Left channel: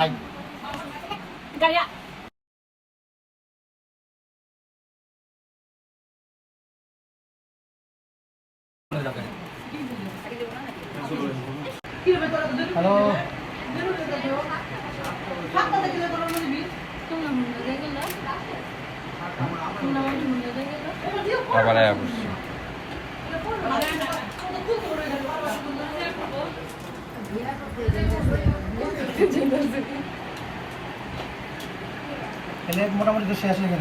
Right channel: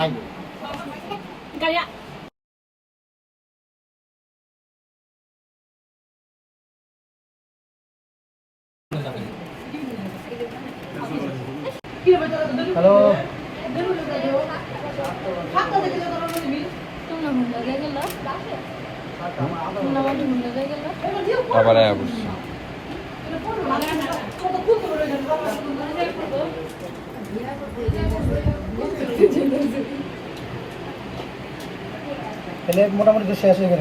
Gaya. Hello তাহলে মোটামুটি তো শেষ হয়ে গেল।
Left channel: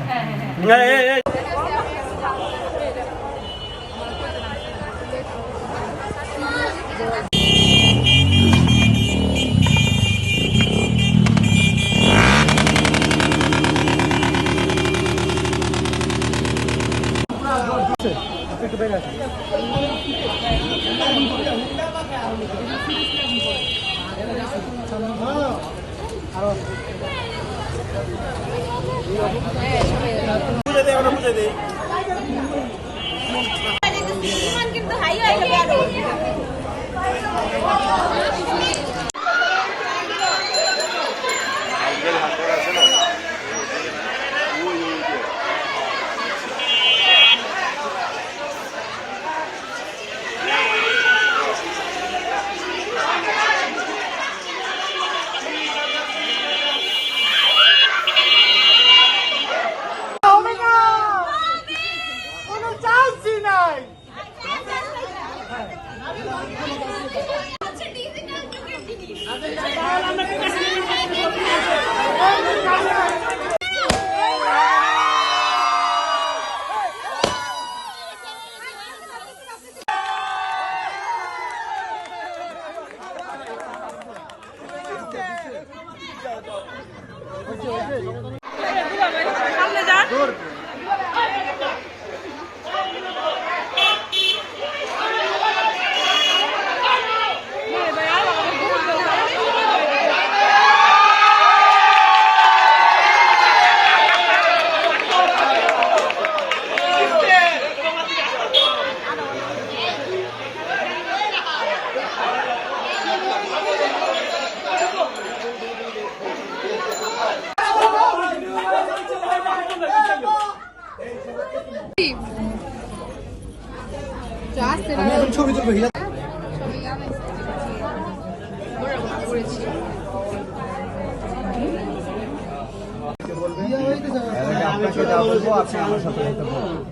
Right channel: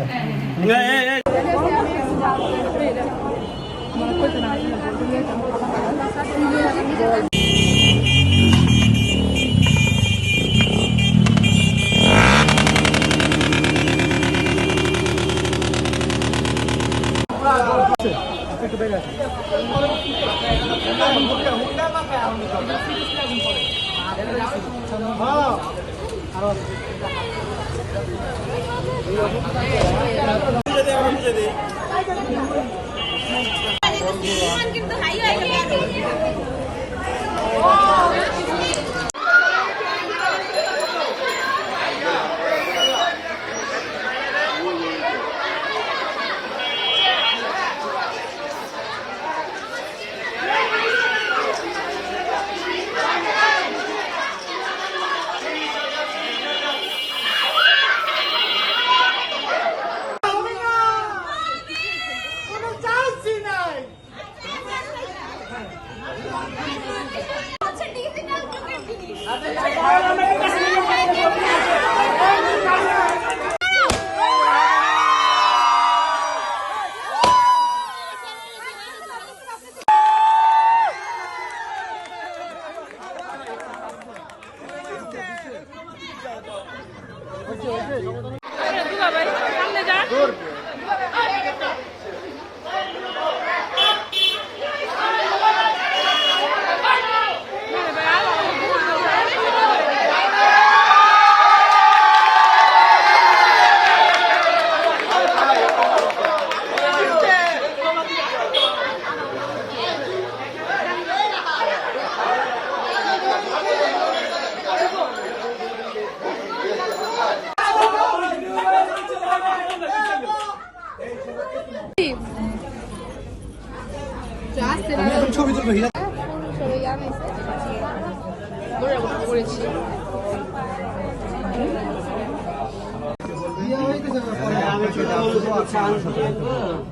একটু বেড়ে আছে আরো কিন্তু হাই হয়ে গেছে সামনে যান ছবি তুলবো হিরা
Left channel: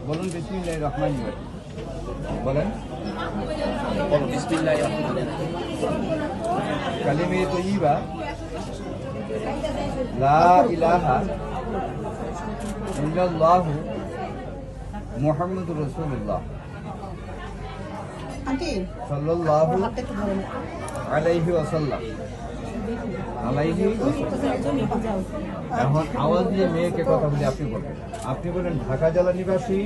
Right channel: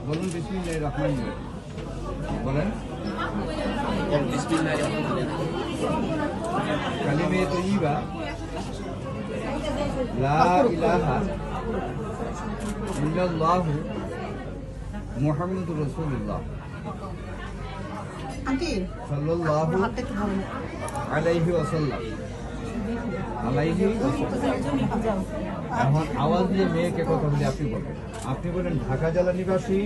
বলুন বিসমিল্লাহির রহমানির রহিম বলেন বিসমিল্লাহির রহমানির রহিম কালিমে তইয়্যিবা লা ইলাহা ইল্লাল্লাহু মুহাম্মাদুর রাসূলুল্লাহ সাল্লাল্লাহু আলাইহি ওয়াসাল্লাম এখন আওয়াজ দিয়ে মেয়েকে কথা বলে আপনি বলেন ঢাকা জেলা নিবাসী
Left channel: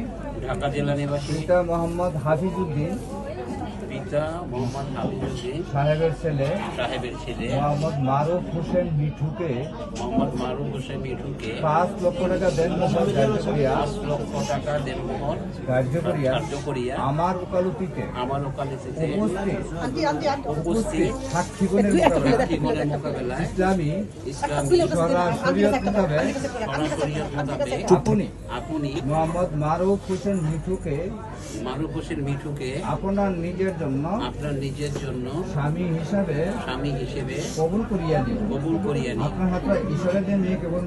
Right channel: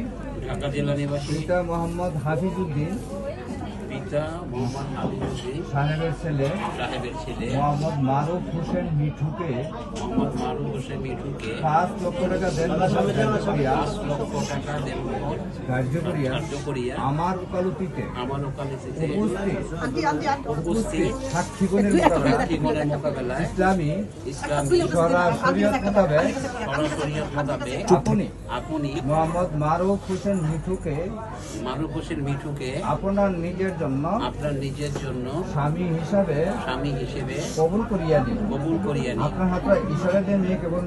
পিতা মোহাম্মদ হাফিজউদ্দিন সাহেবের ছেলে মোহাম্মদ মারুফ হোসেন মিঠুকে 5 লক্ষ টাকা দেন ধার্য করিয়া আমার ওকালতিতে উপস্থিত সাক্ষীগণের মোকাবেলায় ইসলামী শরিয়ত মোতাবেক আপনি মোহাম্মদ মারুফ হোসেন মিঠুকে আপনার নিজের জন্য স্বামী হিসাবে কবুল করিয়া দিন আপনার হাতে ঈশ্বরের দিন নিয়ে কেবল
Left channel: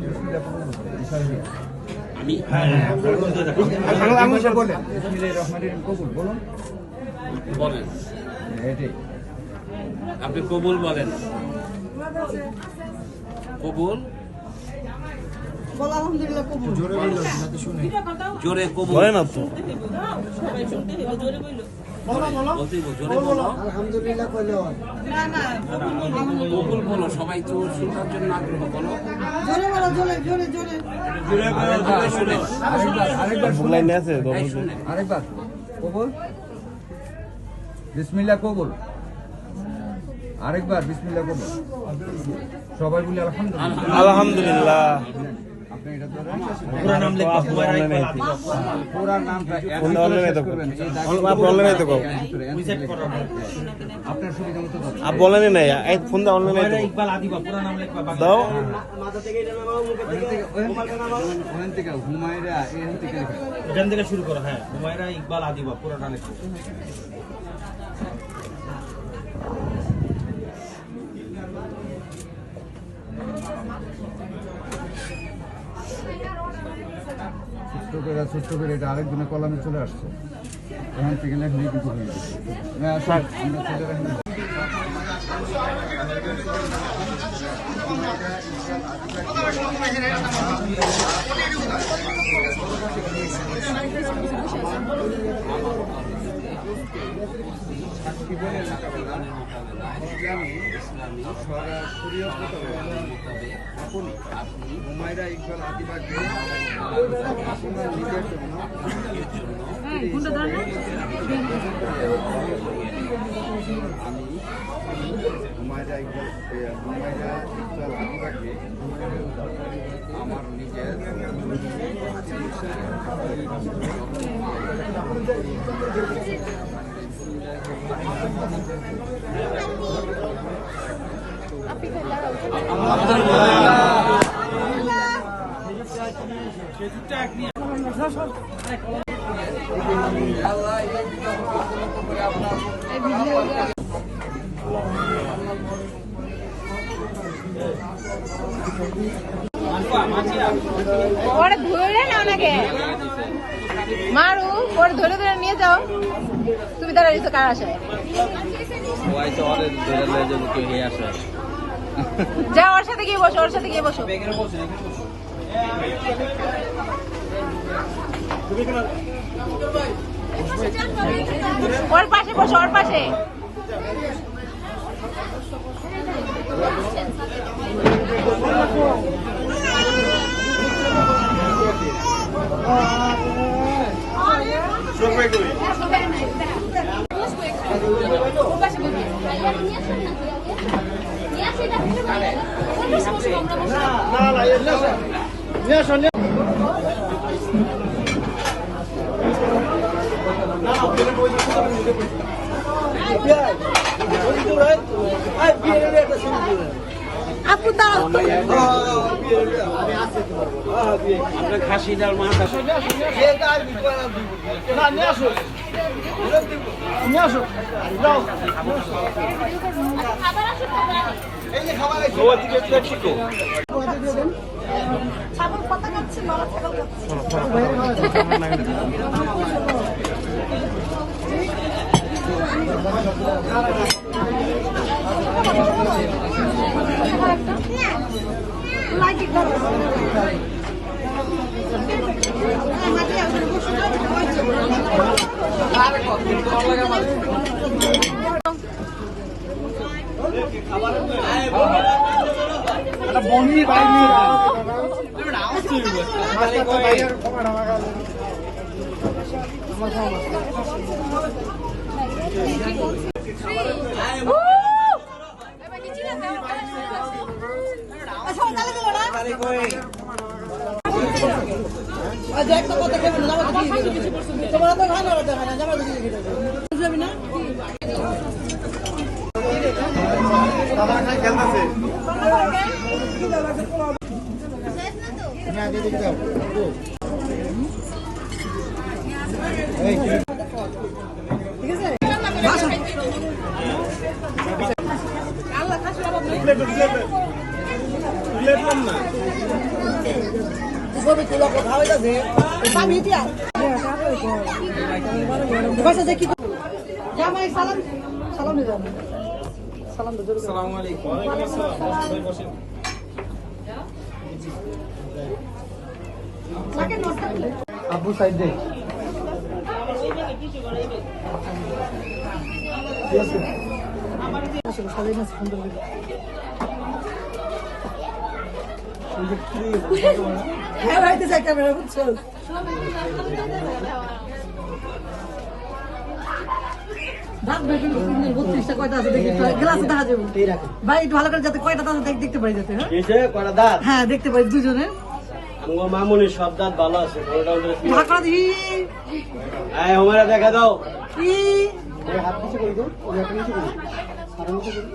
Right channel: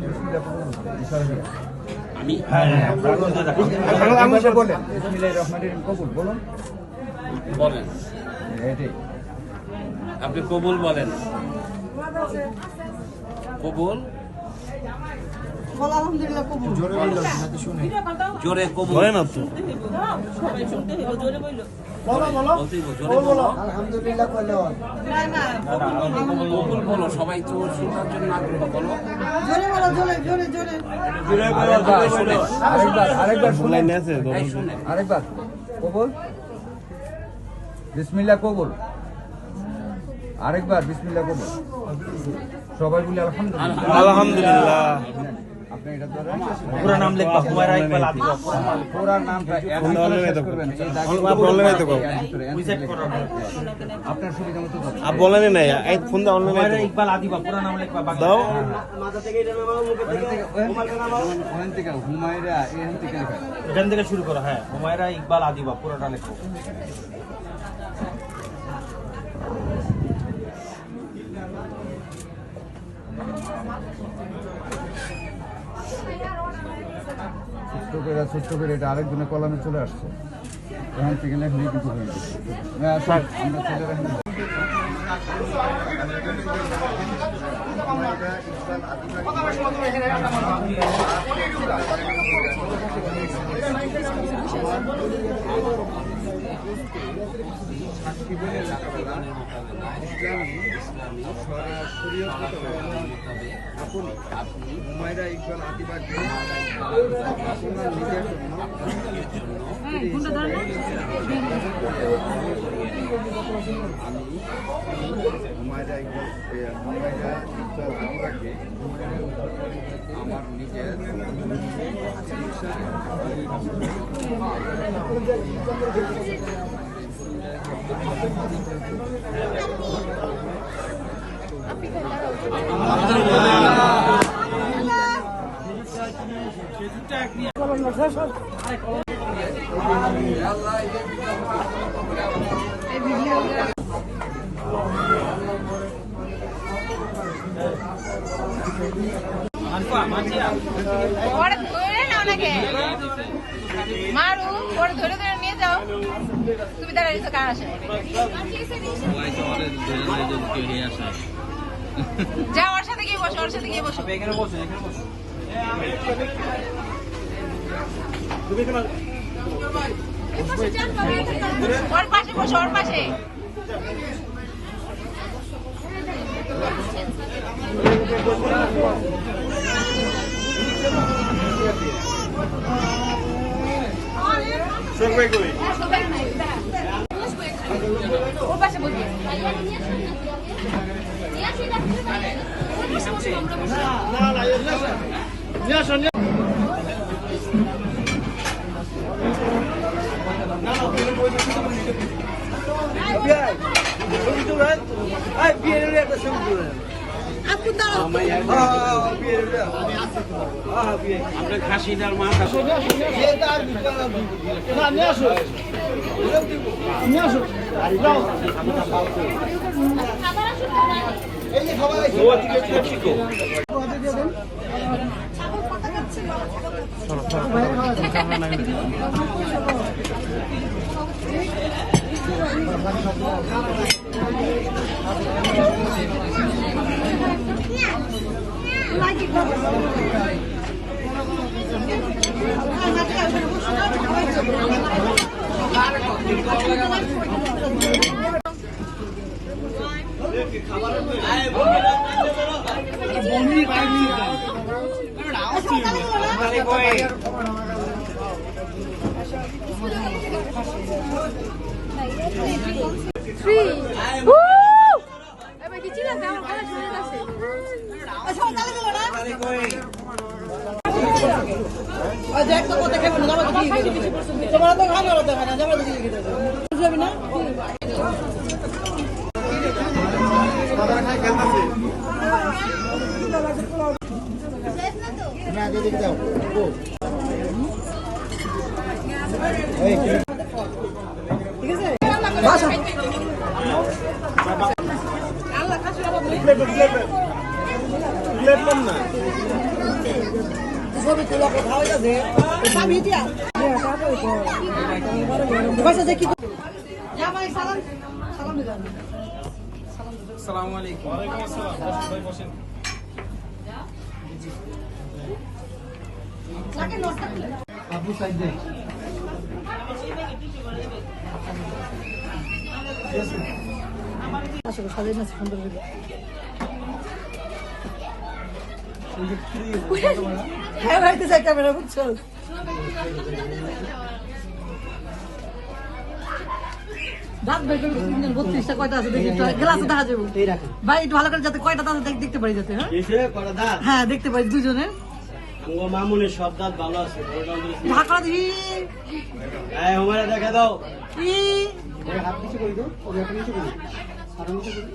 আমি বলেন বিসমিল্লাহির রহমানির রহিম কবুল বলেন এটাই আপনি কবুল বলেন কবুল আলহামদুলিল্লাহ কবুল জোরে বলো যাতে শুনে জোরে কবুল বলেন আপনি সবাই শুনতে হবে জোরে বলো আলহামদুলিল্লাহ বলো কবুল বলো সবাই তো শোনার জন্য আগ্রহ বলো জোরে আরেকবার লাইনে আছে আরেকবার কবুল বিসমিল্লাহ কবুল আরেকবার বিসমিল্লাহ কবুল সবাই বলি আলহামদুলিল্লাহ আলহামদুলিল্লাহ আপনি এটা ধরেন পুরো নাম লিখবা হুমায়রা ইকবাল আদিবা পুরো নামটা আপনার সুবিধা মতো आप बोला नहीं नहीं यार फोन दा ऑनलाइन হুমায়রা ইকবাল আদিবা পুরো নাম লিখবা দাও ওখান থেকে হুমায়রা এখান থেকে লেখা এখান থেকে শুরু করো হ্যাঁ হুমায়রা ইকবাল আদিবা পুরোটা লিখো ছোট্ট করে এটা আরেকজনের কলমে চলে আসছে এখান থেকে লেখলেই কিছু হয়ে যাচ্ছে হ্যাঁ স্যার আমরা চলে রাখি আপনি হুমায়রা ইকবাল আদিবাকে আপনার নিজের জন্য আমি হুমায়রা ইকবাল আদিবাকে আমার নিজের মারু ওর ধরে ধরে নিয়ে যাও তুমি তার কার আসে যা ওর সাথে গিয়ে বসো ওর সাথে গিয়ে বসো ওর পাশে বসো ওর পাশে আপু দাও আপনার খাসি ডাল মাছ আছে আপু সাইড দে হ্যাঁ ভাইতে যাই ক্যামেরা বুঝছো দাঁত বের করে 32টা কয়টা আছে দেখি গ্লাসে দেখা যাবে ভাই একটু ভালো করে যাতে কয়টা দাঁত দেখতে পারি যাতে হ্যাঁ দেখতে পারি দুজনের আমার মামুনির সব দাঁত ভালো আছে ওটা ঢাকা দিই হ্যাঁ হুমায়রা দেখা দাও কি হাত পিছে করে দাও ওই হাত নিচে করে আর নিচে করে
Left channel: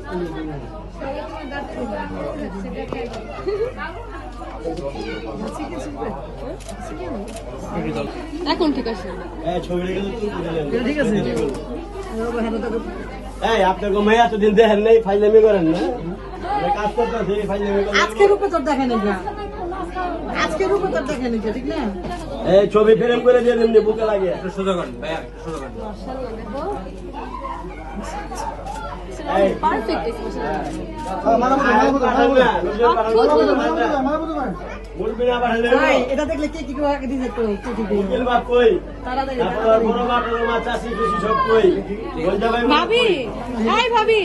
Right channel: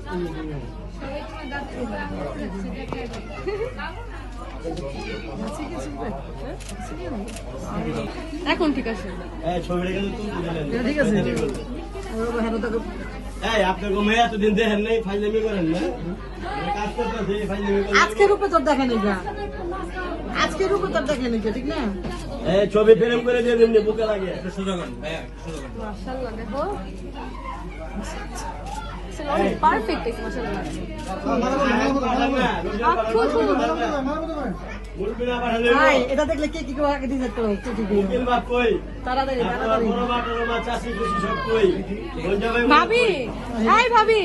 এখন ঠিক আছে হ্যাঁ ছবিটা কিন্তু তুলতে দিলেন ঠিক আছে এই আপনার গো মেয়ে এতদিন দেখেন নাই ফাইলামি করেন না কাজ করতেছে ফাইলামি করেন আজকে রূপে তোর দেখে নেই যা আজকে রূপে তোর দেখে নেই ঠিক না এই ছবি ফ্রেম করে দিয়ে এমনি বুকে লাগে সোজা করেন ভাইয়া সোজা করেন মাশাআল্লাহ দেখো এই পারফেক্ট আছে ভাই এটা দেখলে কে কি করে আগে দিতে তো কে কি করে তাড়াতাড়ি ভাবি হাই ভাবি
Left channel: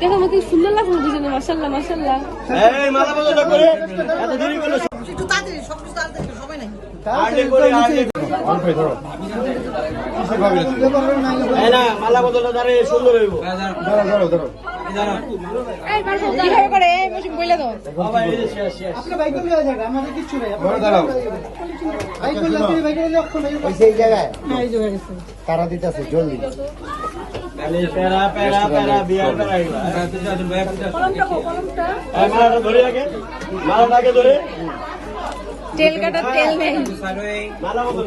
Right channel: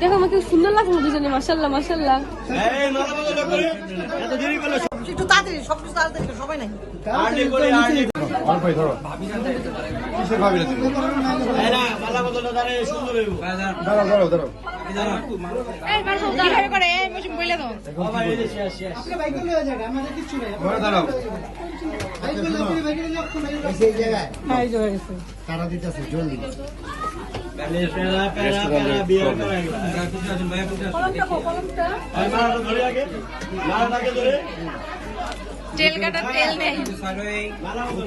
দেখো আমাকে সুন্দর লাগছে দুজনে মাশাআল্লাহ মাশাআল্লাহ একটু তাড়াতাড়ি সবকিছু তাড়াতাড়ি সবাই নাই মালা বদলটা দাঁড়ে সুন্দর হইব এই বাবু কি করে এই বসে বইলে দাও হ্যাঁ এই জায়গায় গেছে তারা দিতেছে জলদি প্যারা প্যারা প্যারা বিয়ার করাইব কলমটা মালাটা ধরে রাখে মালাটাকে ধরে তেল কাটা তেল নেই মালা বদল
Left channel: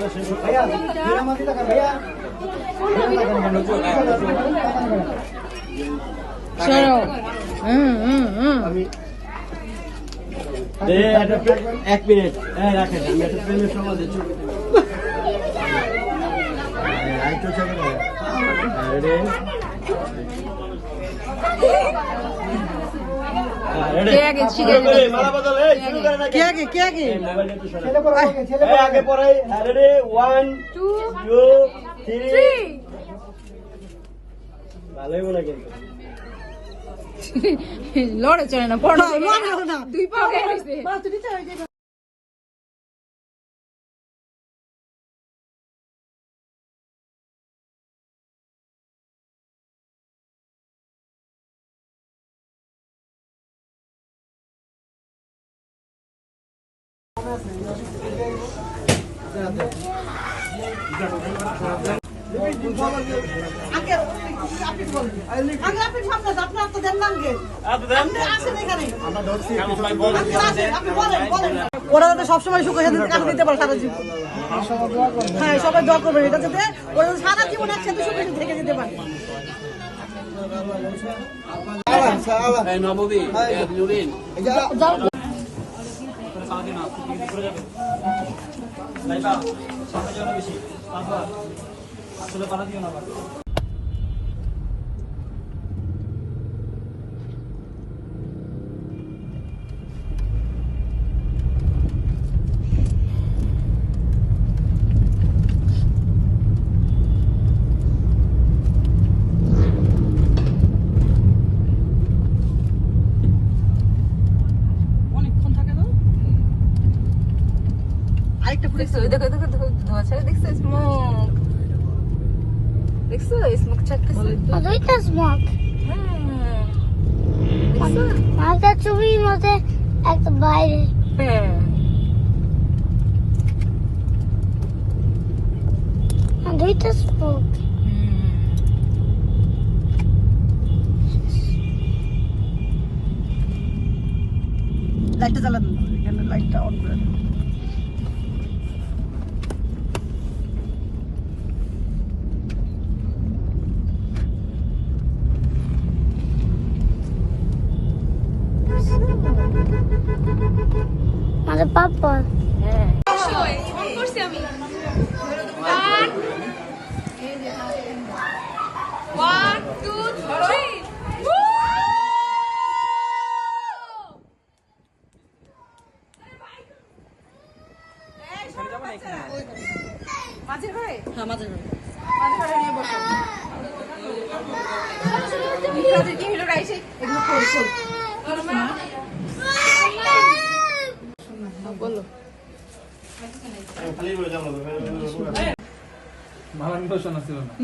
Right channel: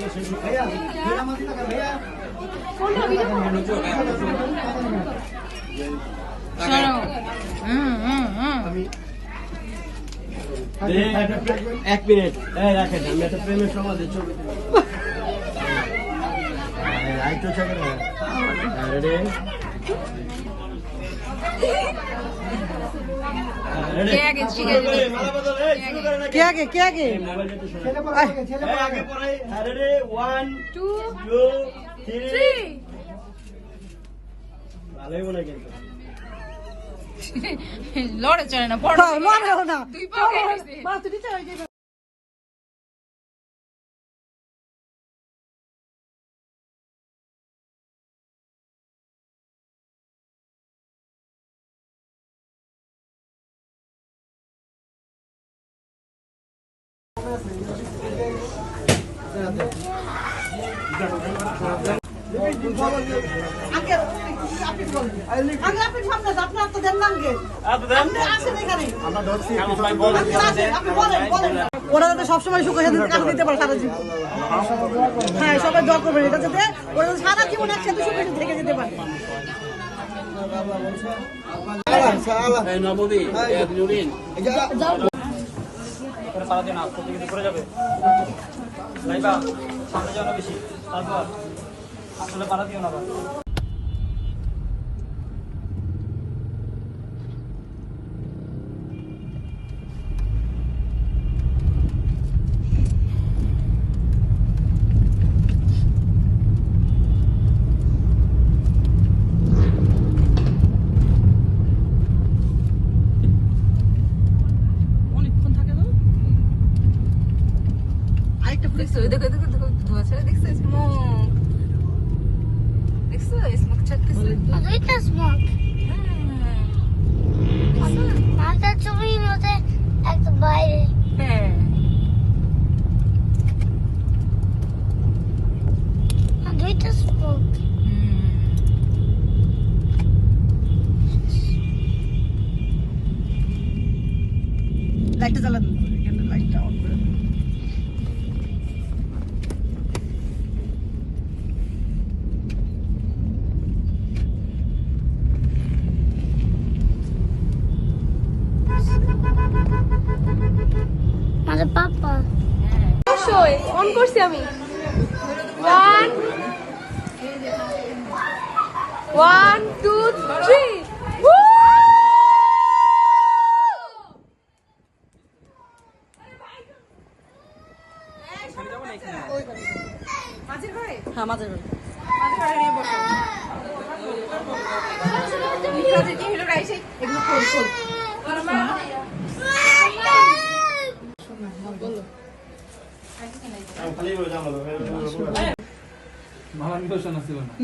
চলো এক মিনিট রাখেন আমি একটা প্রেমের সমাজ ছবি কে আগে শিখে যাবে কে আগে কে আগে আগে পড়াই রেডি 1 2 2 3 3 ভালোই মনে কিন্তু লড়ে চলে না পড়ো মনে হয় না দুই পা হয়ে গেছে মা তুমি তো হয়ে গেছে আগে আপনি বলেন আগে আপনি সামনে আপনার তো দেন না আগে আপনি আসেন এখানে আমরা ধরছি আপনি বলেন বলেন ওরা যাতে সবসময় সুখে সাথে কাজ দিতে পারে সারা জীবন হ্যাঁ সবাই দোয়া করবেন এটা যাতে ওরা যাতে সারা জীবন একসাথে সুখে থেকে যেতে পারে নববী নুরিন অনেকক্ষণ থাকে তো আরেকটা দেখছো দেখো দেখো দেখো ধোঁয়া ছেড়ে দেখছো স্মোক দেখছো স্মোক ছাড়তেছে দুইটা স্মোক মাথা চুরির মধ্যে একটা বাইরে হ্যাঁ দুইটা স্মোক লাইটটা জ্বালান এখানে লাইটটা অন করে দেন। মানে পাপা অবশ্যই ফোন করছি আমি 1 2 3 মাঝের ঘরে হ্যাঁ মাঝে মাঝে মাঝের ঘরে নিয়ে বসো মিত্রাদের কি হলো রাইসে এগুলো খোল খোল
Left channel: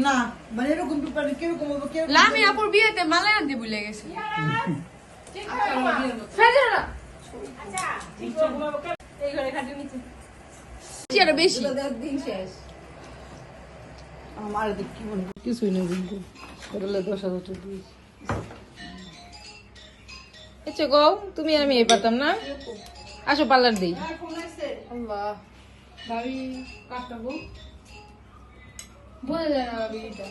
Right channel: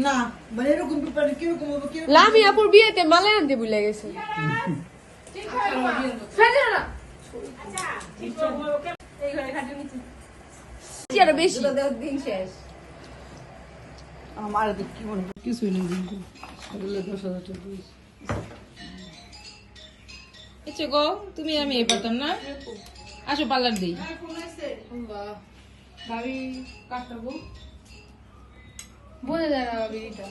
না মানে এরকম ব্যাপারে কিরকম হবে কেউ লাভি আপুর বিয়েতে মালা আনতে ভুলে গেছি ফেলে না এই ঘরে খাটিয়ে নিচ্ছি আরো বেশি দিন শেষ আমার দেখ কি মনে হয় কিছুই নেই কিন্তু সকালে 10,000 টাকা দিয়েছি। আচ্ছা গো তুমি আর আমি এই পারতাম না আসো পার্লার দিই আল্লাহ ভাবি কাটবো বলে যায় না ভাবি এটা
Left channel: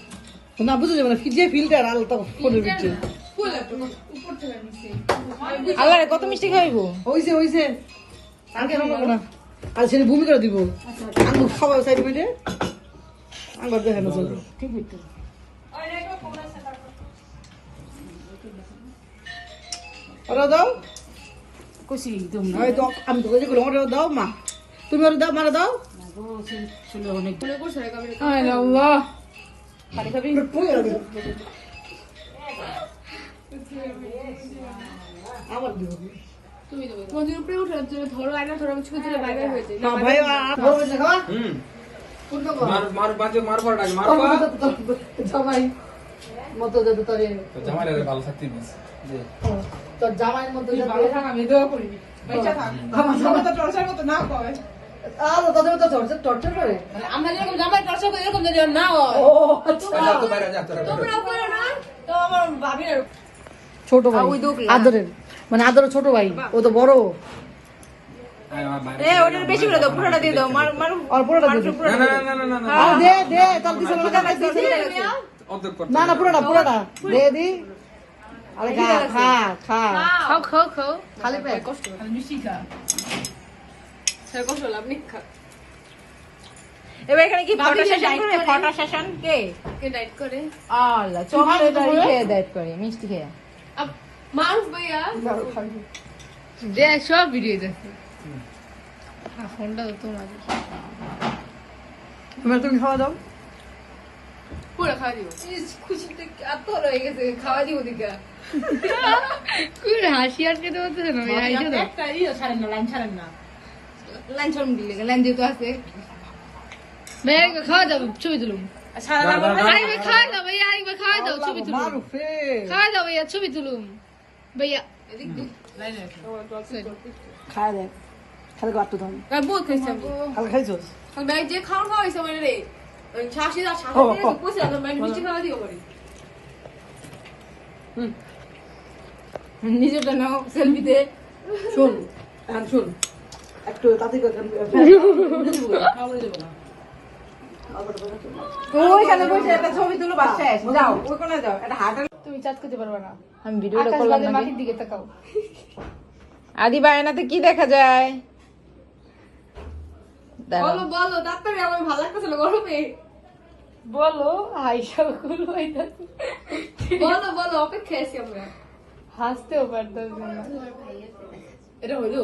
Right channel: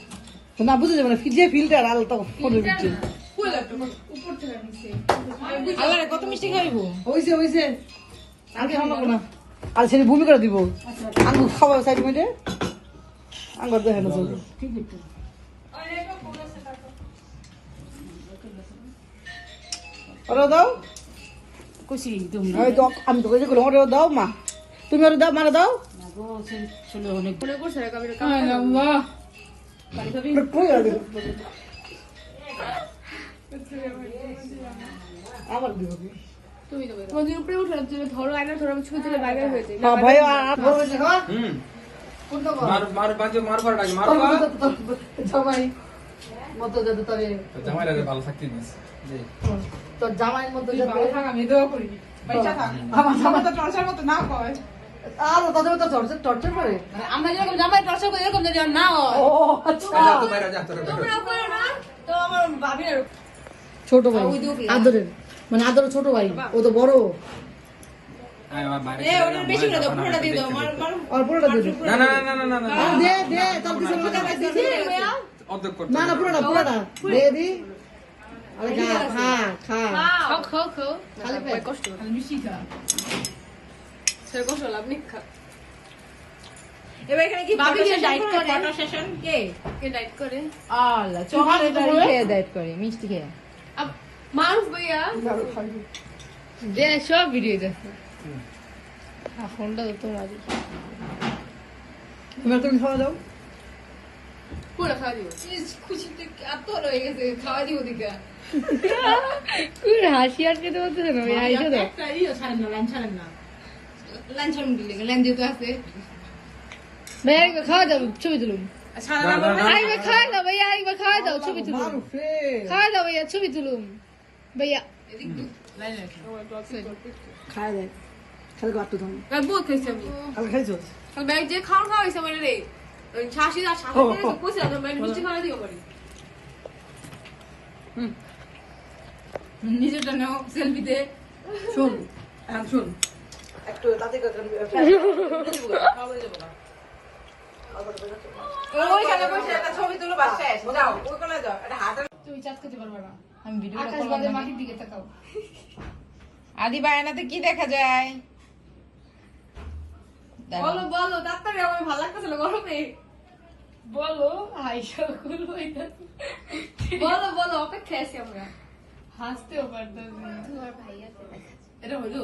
না বুঝে যাবে না যে ফিল্টার আলতা ফোনের ভিতরে ফুল একটা উপর থেকে নিচে আল্লাহ রে কত মিষ্টি খাইবো হইছে আগে খাবো না আর সেটা ভূমি করে দিব আঙ্গুর খাওয়া সাইড মিনিটে আঙ্গুর দেখে না চলবে ঠিক আছে ওরা দাও খুশি তুমি আমি তো আমি তো যেগুলো ওরা দাও মা তুমি ওরা দাও মারা দাও চলে অনেক মনে করছে আল্লাহ খালি খাবি কই আর আবার দিব তুমি দেবে তোমাদের উপরে উঠে তুমি ধরো আয়না ধরো আমি ছবি তুলে বাইরে হয়ে যায় হ্যাঁ ভাই আর বলবে না খাওয়া কোনটা বল মার বাজে মার পড়া মার সবাই মতো যাতে তবে জামাইরা ভালো থাকতে দিস তোর জামাইয়ের মতো ভালো থাক আমি দোয়া করি পয়সা থাক আমার জামাই তো টর্চার মতো না কয় আর তাদের তো টর্চার করে আমরা যেরকম জামাই টর্চার করি এরকম যেন না হয় ও আচ্ছা তো বাইরে যা তোরা তোমরা করো না তো আমার ভাবি না ছোট ভাই আদরের মানে আদরের ছোট ভাই ও তো বড় এ ওটা বেশি করে দাও পুরোটা দিয়ে দাও মার মার আর পুরোটা দিয়ে দে না না না না না না আর দে তার কিছু না কাজ দিছি অর্ধেক করতে না না পুরোটা দে দি আরে খা খাও খাও খাও খালি পেট কষ্ট খালি মিষ্টি খা সে কষ্ট লাভ নেই খা এবার এখানে কি ভাবি ফটো যে সেশন ডায়েট করে ফটো সেশন কে কে ডায়েট করে আল্লাহ চকলেট খেয়ে ডায়েট করে মিষ্টি খেয়ে अब मारूफ भैया दे सब वीडियो দেখো হ্যাঁ ফোনটা তো তোমার তুমি খাওয়া দাও পুরো খাওয়া দিব খুশিতে এত রয়ে গেছে খাওয়া দিব দিকে কুড়ে হাসি আটকে তো হচ্ছে না ভাই আইছো তো একটা ইয়ে ছাড়েন না লাইন ছাড়েন না লাইন ছাড়ুন দিলে লাইন দিয়ে তো আছে ভাই খাওয়া দাও ছবি তুলুন ছাড়া না আইবা খাওয়া দাও ভাইয়া আইবা খাওয়া দাও ছবি তুলুন মারুফে খাওয়া দাও ভাইয়া ছবি তুলুন ভাইয়া এদিক লাইন খায় দেখ খালি গাট্টু দাও আর বহুত খাইছি আমি খালি খাইছো ভাই যে খাওয়া খাওয়া হইছে মানে রে ওই ছাশি আর ছাশি তো কইছে না মানে মিষ্টি খাওয়া দিও পারি নিজেটা নাও সেলফি দে শুন এখন শুন একটু তাতে ওইখানে বসে একটা ছবি তুলো বাস শেষ যাও ওখানে যাও একটা হাঁটা তুমি চাট করতে পারবে না আমি ভিডিওটা আকাশ করলাম বাজে না মাটির দিকে তাকাও আদি বায়নাতে কি দেখা যায় বলো বলো ডাক্তার আমার ভালো লাগতেছে না গরমে বলো আইসা গুলো বলো বলো অপেক্ষা আছি আমরা হাসতেও পারতাম না এটা হইলো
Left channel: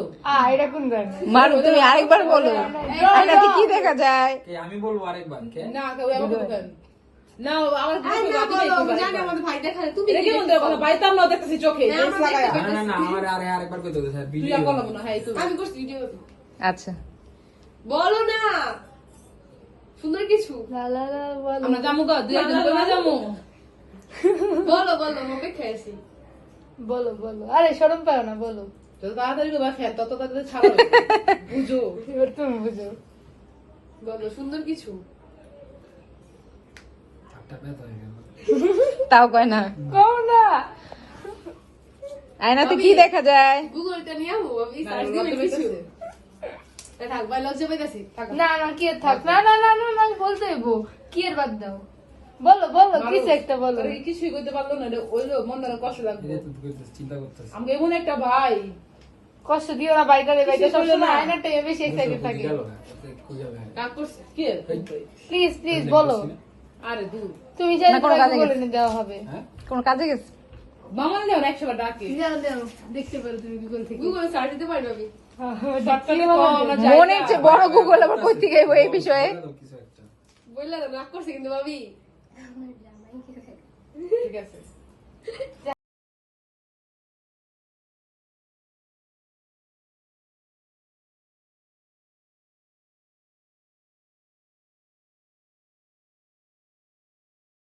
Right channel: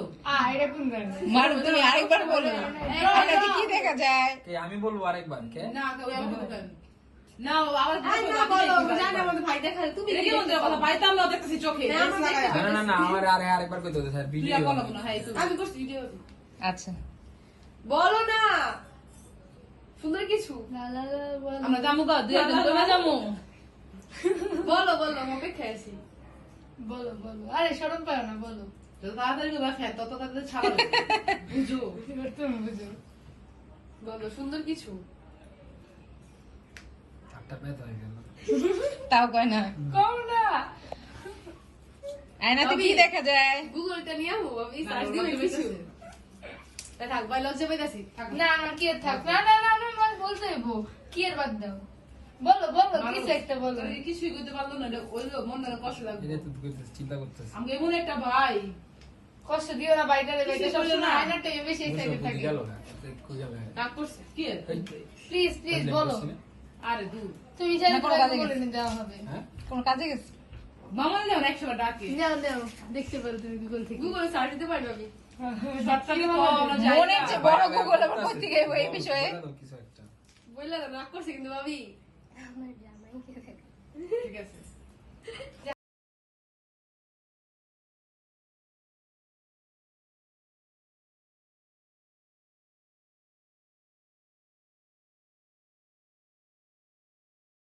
এটা কোন গান মারু তুমি আরেকবার বলো আয়নাতে কি দেখা যায় আমি বলবো আরেকবার কে না কেউ আমাকে বলেন না আমার বলো জানি আমাদের ভাই দেখা তুমি এটা কি মন্দের কথা পাইতাম না দেখতেছি চোখে হ্যাঁ, আমার দেখতে না না না আমার আরেকবার কইতে হবে স্যার তুই ভিডিও আর বলবো না হ্যাঁ তুমি আমি করছি ভিডিও আচ্ছা বলো না সুন্দর কিছু আমরা যাবো গা দুই একদিন পরে যাবো বলো বলো অপেক্ষা আছি বলো বলো আরে শরম পাও না বলো যত তাড়াতাড়ি করবা ফের তত তাড়াতাড়ি ছাড়ো বুঝো এবার তুমি বুঝো বলো সুন্দর কিছু হাতটা ব্যথা হয়ে গেল তাও কয় না কও না আয়নাতে কি দেখা যায় গুগলটা নিয়ে আমো আমি সার্চ দিয়ে কিছু থাক ভাই লজ্জা পাইতাছি না না কি আর থাক না না না না না বলতে হইবো কি এর বাদ দাও বলো বলো কিছু একটা বলো কিছুই করতে পারলো না ওইলো মন কষ্ট লাগবে এটা তো চিন্তা করতেছি আমাকে এমন একটা ভাই কষ্ট দিও না বাইকারে বাইকে কিছু করলে সবসময় না। আয়নাটা বেশি এক্সাইটেড থাকি গেল না খুঁজে হবে রাগ করছে কি প্লিজ প্লিজ বলো আরে দূর তুমি না, চাইলে কোনো তোমাকে কাজে বলে গেছে। দেওয়া হবে হ্যাঁ কোন কাজে গেছে মামা নেও 100 ডাকে দাও দাও দেখতে পারো তুমি গুগল থেকে গুগল সার্চ দিতে পারবে আমি শর্টকাটে মনে হচ্ছে বড় গুগল আবার কই থেকে এই বিষয়ে কিছু একটা বললে রাগ করছে কিন্তু ভাবি ঠিক আছে